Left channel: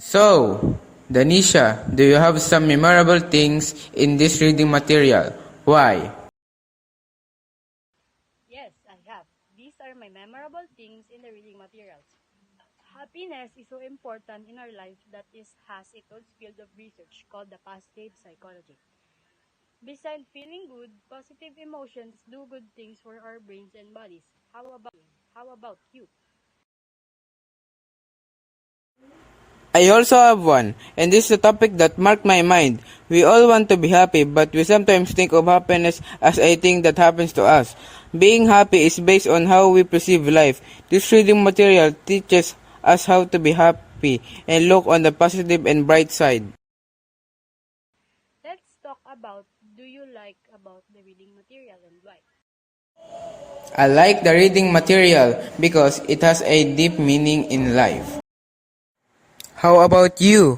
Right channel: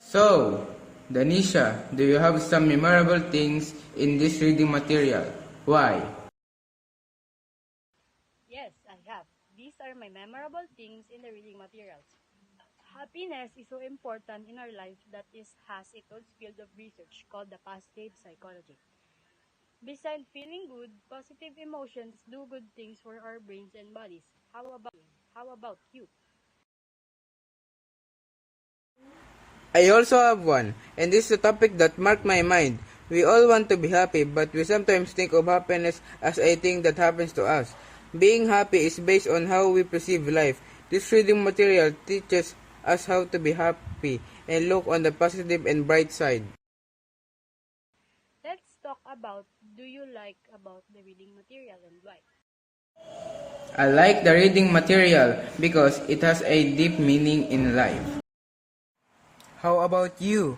So, Danisha, do you have some memorable things in this reading material? Why? Yes, I have. These are my memorable things in the reading materials. Happiness is so important in our life that is has its own field of research called the positive psychology. Besides feeling good, positive emotions do good things for our brains and bodies. How about you? I also have one, and this is a topic that marked my mind. We all want to be happy, but we sometimes think of happiness as a thing that happens to us. Being happy is based on how we perceive life. This reading material teaches us how to be happy and look on the positive and bright side. Let's talk about do you like about the reading material and why? I like the reading material because it has a deep meaning in life. How about you?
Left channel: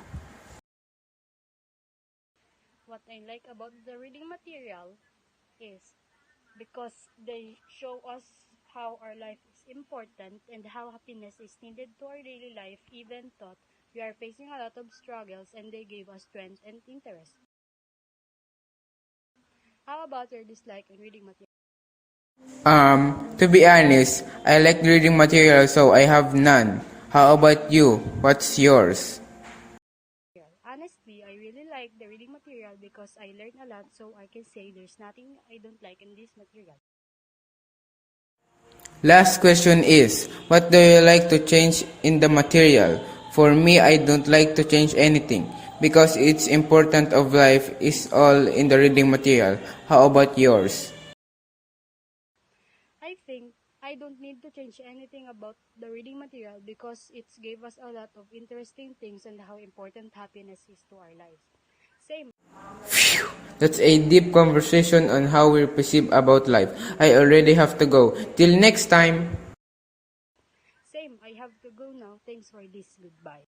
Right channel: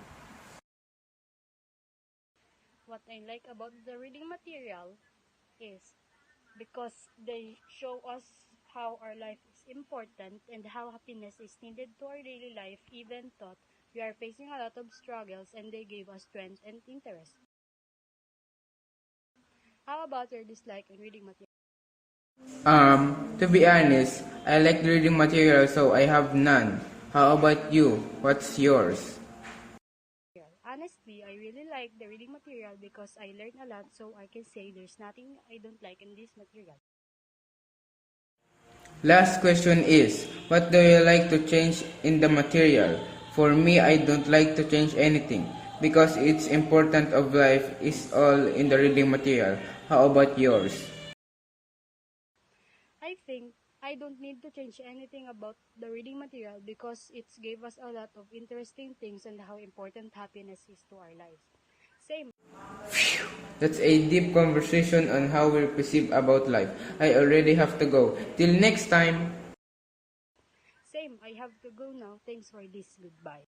What I like about the reading material is because they show us how our life is important and how happiness is needed to our daily life even though we are facing a lot of struggles and they gave us strength and interest. How about your dislike in reading material? To be honest, I like reading material so I have none. How about you? What's yours? Honestly, I really like the reading material because I learned a lot so I can say there's nothing I don't like in this material. Last question is, what do you like to change in the material? For me, I don't like to change anything because it's important of life is all in the reading material. How about yours? I think I don't need to change anything about the reading material because it gave us a lot of interesting things and how important happiness is to our lives. Same. That's a deep conversation on how we perceive about life. I already have to go. Till next time. Same, I have to go now. Thanks for this. Goodbye.